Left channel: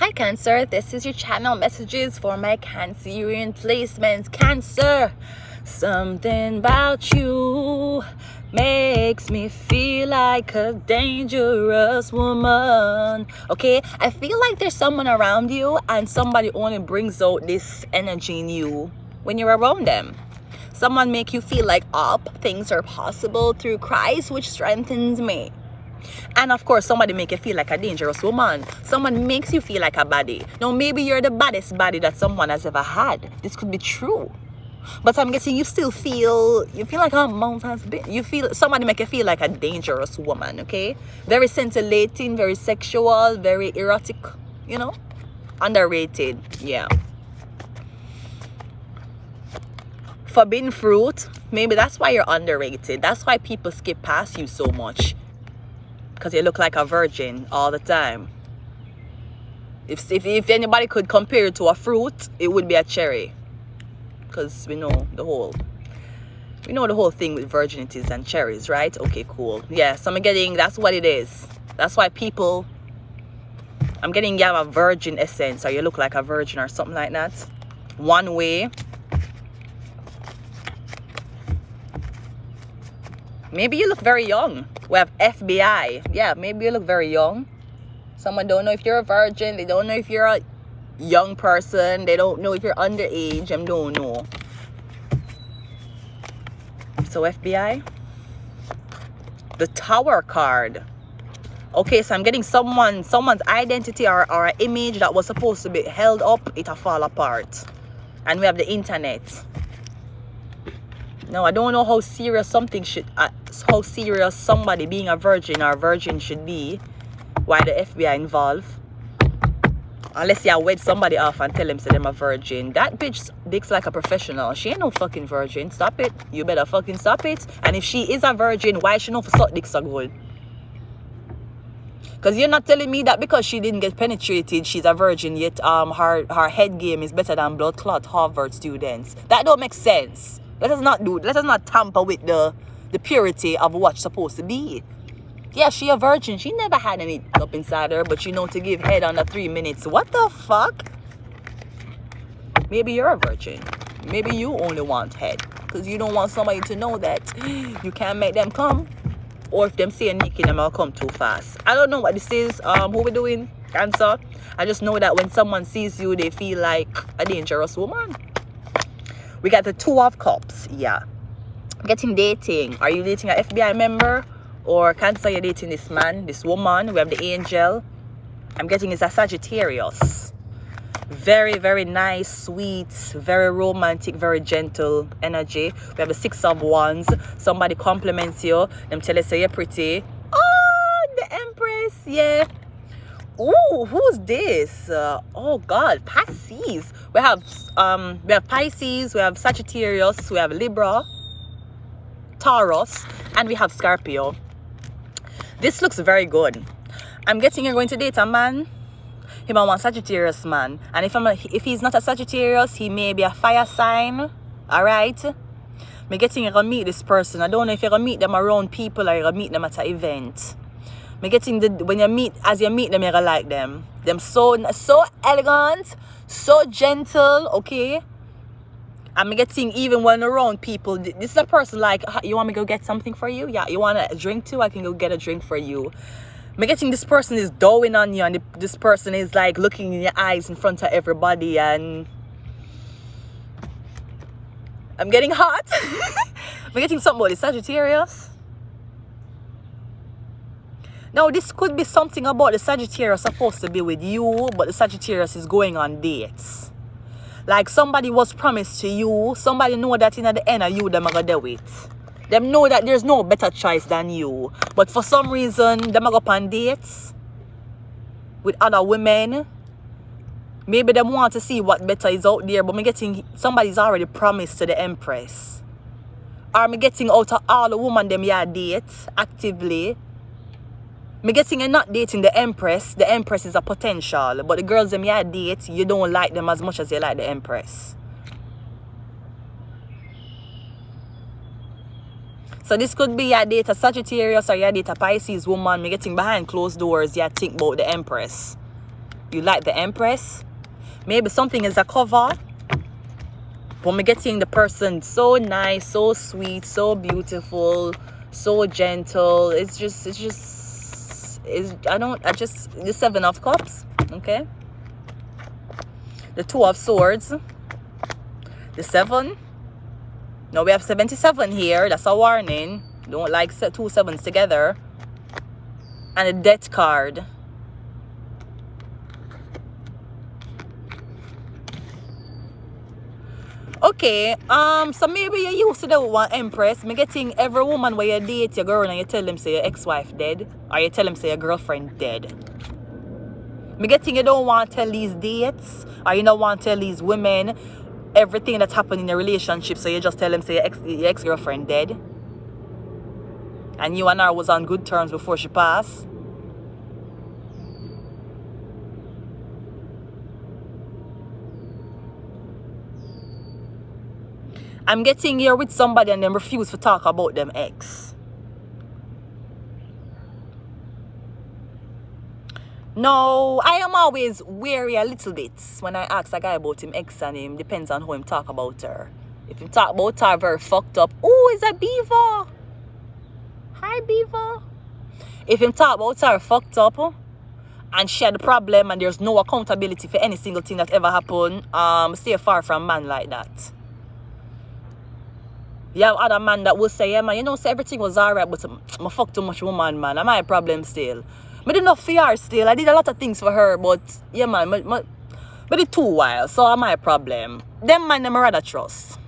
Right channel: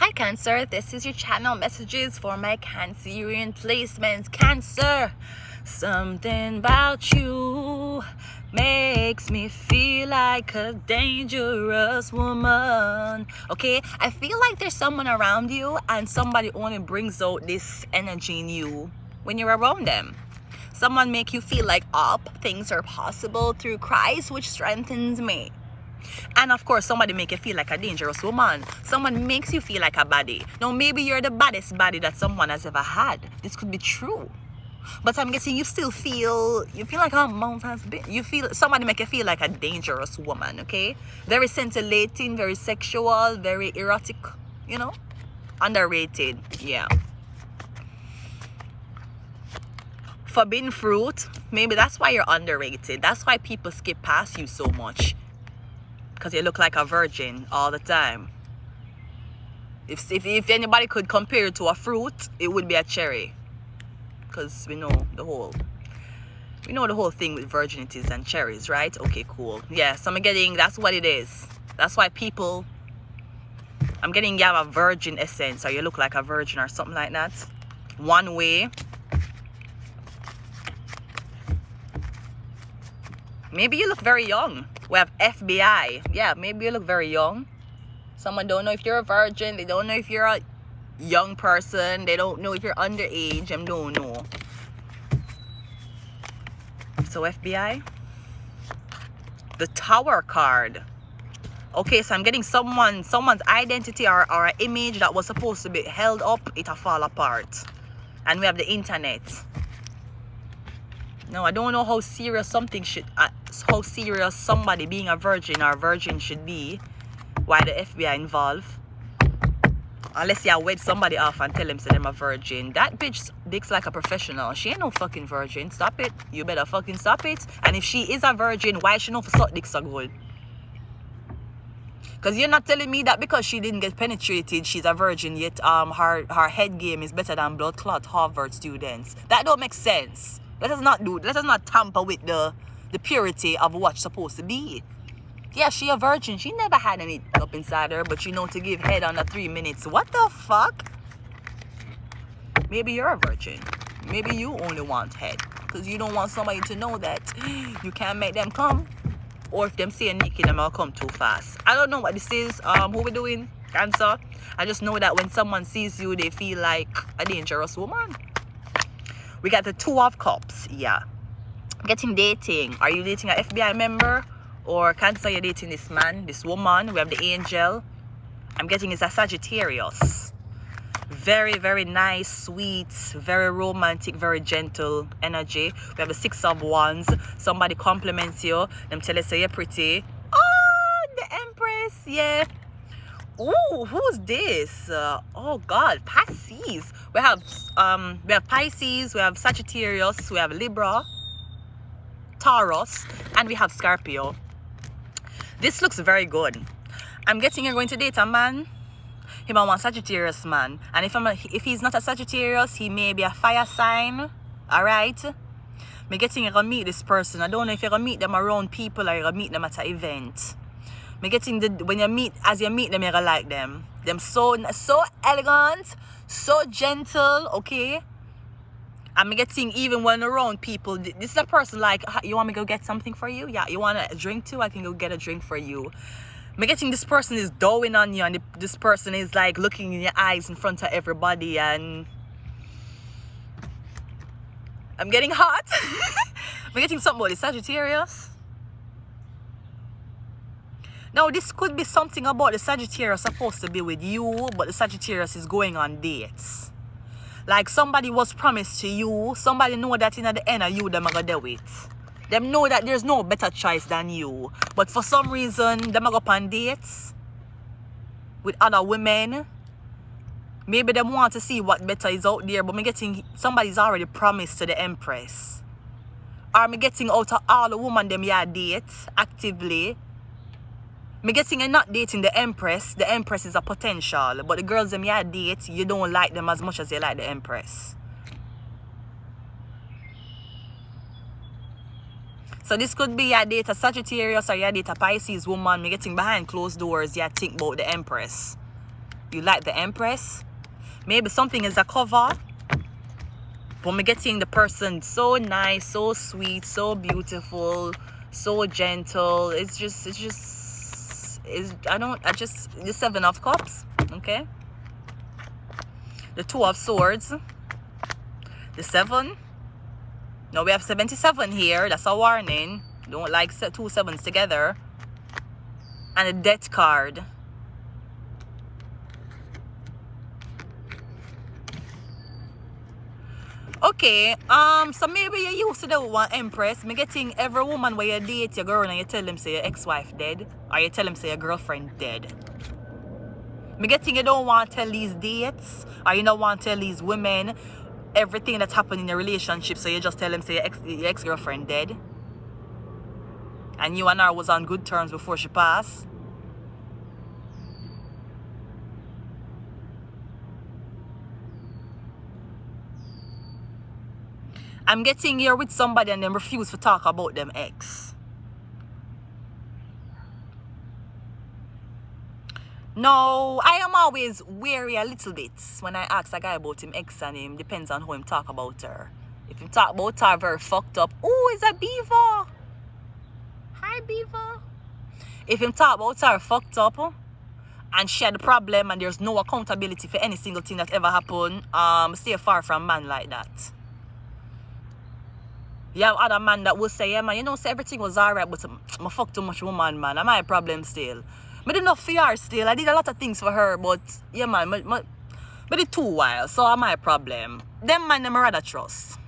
Hi Cancer, this is your channel messages for my Cancerian placements. Cancer, something about you makes me feel like a dangerous woman. Okay, I feel like there's someone around you and somebody only brings out this energy in you when you're around them. Someone make you feel like things are possible through Christ, which strengthens me. And of course, somebody make you feel like a dangerous woman. Someone makes you feel like a baddie. Now, maybe you're the baddest baddie that someone has ever had. This could be true. But I'm guessing you feel like a mountain's bit. You feel, somebody make you feel like a dangerous woman, okay? Very scintillating, very sexual, very erotic, you know? Underrated, yeah. Forbidden fruit, maybe that's why you're underrated. That's why people skip past you so much. Because you look like a virgin all the time. If anybody could compare it to a fruit, it would be a cherry. Because we know the whole thing with virginities and cherries, right? Okay, cool. Yeah, so that's what it is. That's why I'm getting you have a virgin essence, or you look like a virgin or something like that. One way. Maybe you look very young. We have FBI. Yeah, maybe you look very young. Someone don't know if you're a virgin. They don't know if you're a young person. They don't know if you're underage. They don't know. So FBI. The Tower card. Okay, so I'm getting someone's identity or an image that was supposed to be held up. It'll fall apart. And we have the internet. No, I don't know how serious how serious somebody being a virgin or a virgin should be. Why the FBI involved? Unless you wed somebody off and tell them so them a virgin. That bitch looks like a professional. She ain't no fucking virgin. Stop it. You better fucking stop it. And if she is a virgin, why she know for suck dick so good? Because you're not telling me that because she didn't get penetrated, she's a virgin, yet her head game is better than blood clot Harvard students. That don't make sense. Let us not tamper with the purity of what's supposed to be. Yeah, she a virgin. She never had any up inside her, but you know to give head under 3 minutes. What the fuck? Maybe you're a virgin. Maybe you only want head. Because you don't want somebody to know that you can't make them come. Or if them say naked, them will come too fast. I don't know what this is. Who we doing? Cancer. I just know that when someone sees you, they feel like a dangerous woman. We got the Two of Cups. Yeah. Getting dating. Are you dating an FBI member? Or Cancer, you're dating this man, this woman? We have the Angel. I'm getting is a Sagittarius. Very, very nice, sweet, very romantic, very gentle energy. We have the Six of Wands. Somebody compliments you. Them tell you say you're pretty. Oh, the Empress. Yeah. Ooh, who's this? Oh God, Pisces. We have Pisces, we have Sagittarius, we have Libra, Taurus, and we have Scorpio. This looks very good. I'm getting you're going to date a man. He might want Sagittarius man, and if he's not a Sagittarius, he may be a fire sign. All right. I'm getting you're gonna meet this person. I don't know if you're gonna meet them around people or you're gonna meet them at an event. Me getting as you meet them, you're gonna like them. Them so elegant, so gentle, okay? I'm getting even when around people, this is a person like, you want me to go get something for you? Yeah, you want a drink too? I can go get a drink for you. Me getting this person is doing on you, and this person is like looking in your eyes in front of everybody, and I'm getting hot. I'm getting something about the Sagittarius. Now, this could be something about the Sagittarius supposed to be with you, but the Sagittarius is going on dates. Like somebody was promised to you, somebody know that in the end of you, them are going to do it. Them know that there's no better choice than you. But for some reason, them are go on dates with other women. Maybe them want to see what better is out there, but me getting somebody's already promised to the Empress. Or me getting out of all the women them you date actively. Me getting you're not dating the Empress. The Empress is a potential. But the girls them you date, you don't like them as much as you like the Empress. So this could be you date a Sagittarius or you date a Pisces woman. Me getting behind closed doors, you think about the Empress. You like the Empress. Maybe something is a cover. But me getting the person so nice, so sweet, so beautiful, so gentle. The Seven of Cups, okay? The Two of Swords, the 7. Now we have 77 here. That's a warning. Don't like set 2 sevens together. And a Death card. Okay, so maybe you used to do one Empress. Me getting every woman where you date your girl and you tell them say your ex-wife dead, or you tell them say your girlfriend dead. Me getting you don't want to tell these dates, or you don't want to tell these women everything that's happened in your relationship, so you just tell them say your ex-girlfriend dead. And you and her was on good terms before she passed. I'm getting here with somebody and them refuse to talk about them ex. No, I am always wary a little bit when I ask a guy about him ex and him. Depends on who him talk about her. If him talk about her very fucked up, oh, is that Beaver? Hi, Beaver. If him talk about her fucked up and she had a problem and there's no accountability for any single thing that ever happened, stay far from man like that. You have other man that will say, yeah, man, you know, say everything was alright, but I fuck too much woman, man. Am I a problem still? I did enough for her still. I did a lot of things for her, but yeah, man, I did too wild, so am I a problem? Them man, them I rather trust.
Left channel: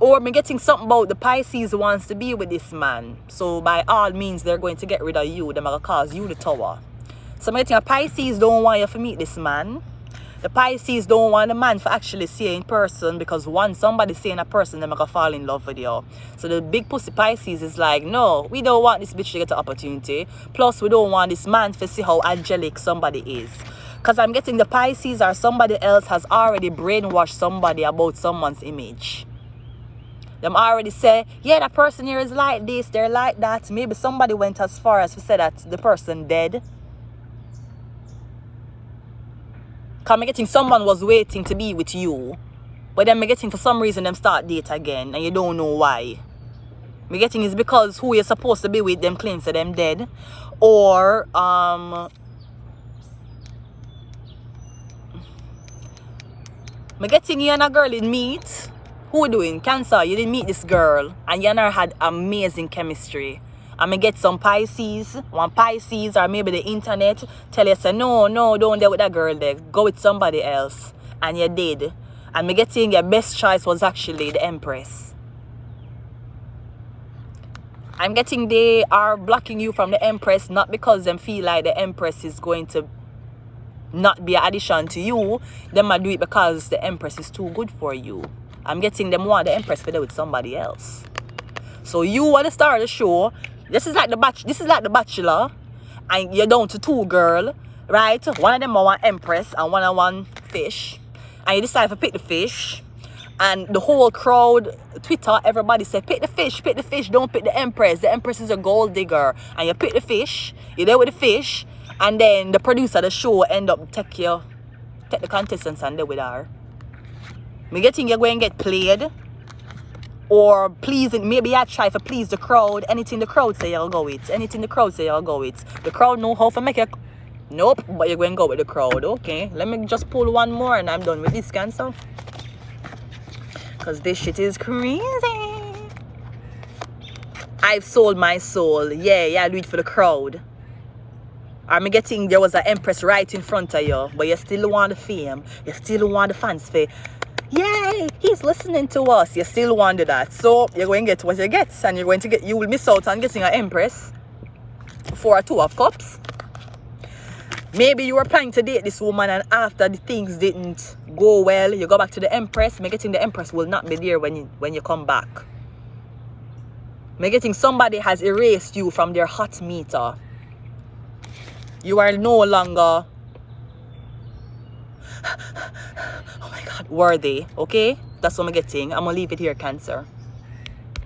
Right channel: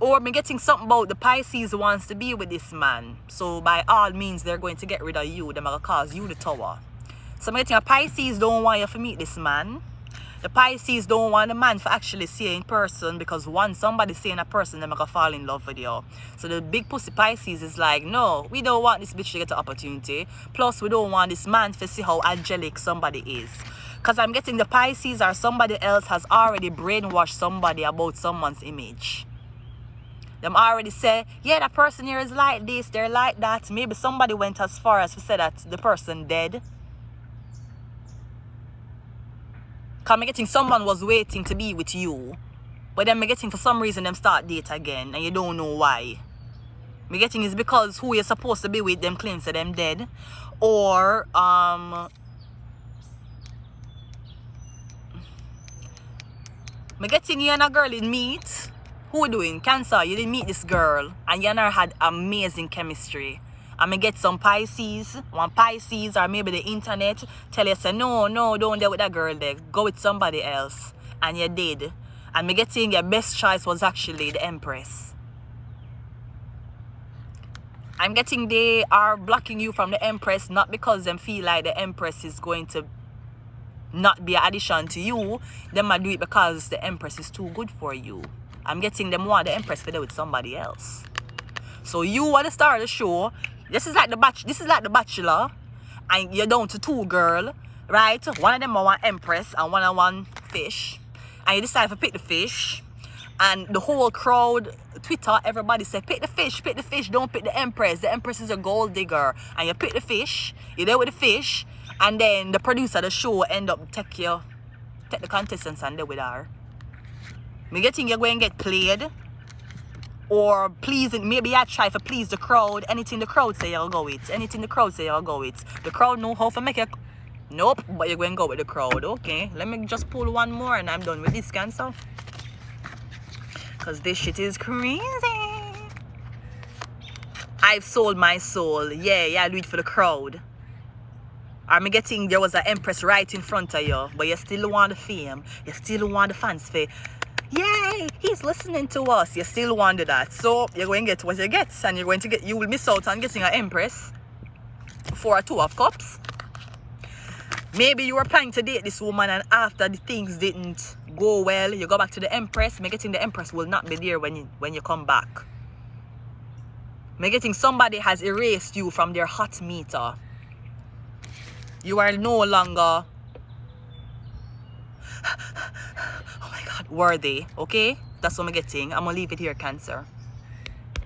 Or me getting something about the Pisces wants to be with this man. So by all means, they're going to get rid of you. They're going to cause you the tower. So I'm getting a Pisces don't want you to meet this man. The Pisces don't want the man to actually see you in person, because once somebody seeing a person, they're going to fall in love with you. So the big pussy Pisces is like, no, we don't want this bitch to get the opportunity. Plus, we don't want this man to see how angelic somebody is. Because I'm getting the Pisces or somebody else has already brainwashed somebody about someone's image. Them already say, yeah, that person here is like this, they're like that. Maybe somebody went as far as to say that the person dead. Because I'm getting someone was waiting to be with you, but then I'm getting for some reason them start date again and you don't know why. I'm getting is because who you're supposed to be with them claims that them dead, or I'm getting you and a girl in meet. Who doing? Cancer, you didn't meet this girl and you and her had amazing chemistry. I'm going to get some Pisces, one Pisces, or maybe the internet tell you, say, no, don't deal with that girl there. Go with somebody else. And you did. And me getting your best choice was actually the Empress. I'm getting they are blocking you from the Empress, not because them feel like the Empress is going to not be an addition to you. They might do it because the Empress is too good for you. I'm getting them want the Empress to deal with somebody else. So you want to start the show. This is like the Bachelor, and you're down to 2 girls, right? One of them are one Empress and one of one fish, and you decide to pick the fish, and the whole crowd, Twitter, everybody say pick the fish, don't pick the Empress. The Empress is a gold digger, and you pick the fish, you're there with the fish, and then the producer of the show end up take the contestants and there with her. Me getting you're going to get played. Or pleasing, maybe I try to please the crowd. Anything the crowd say you'll go with. Anything the crowd say you'll go with. The crowd know how to make it. Nope, but you're going to go with the crowd. Okay, let me just pull one more and I'm done with this Cancer. Because this shit is crazy. I've sold my soul. Yeah, I do it for the crowd. I'm getting there was an Empress right in front of you, but you still want the fame. You still want the fans fame. Yay, he's listening to us. You still want to do that. So you're going to get what you get. And you're going to get, you will miss out on getting an Empress for a 2 of Cups. Maybe you were planning to date this woman and after the things didn't go well, you go back to the Empress. Me getting the Empress will not be there when you come back. Me getting somebody has erased you from their hot meter. You are no longer oh my God, worthy, okay? That's what I'm getting. I'm gonna leave it here, Cancer.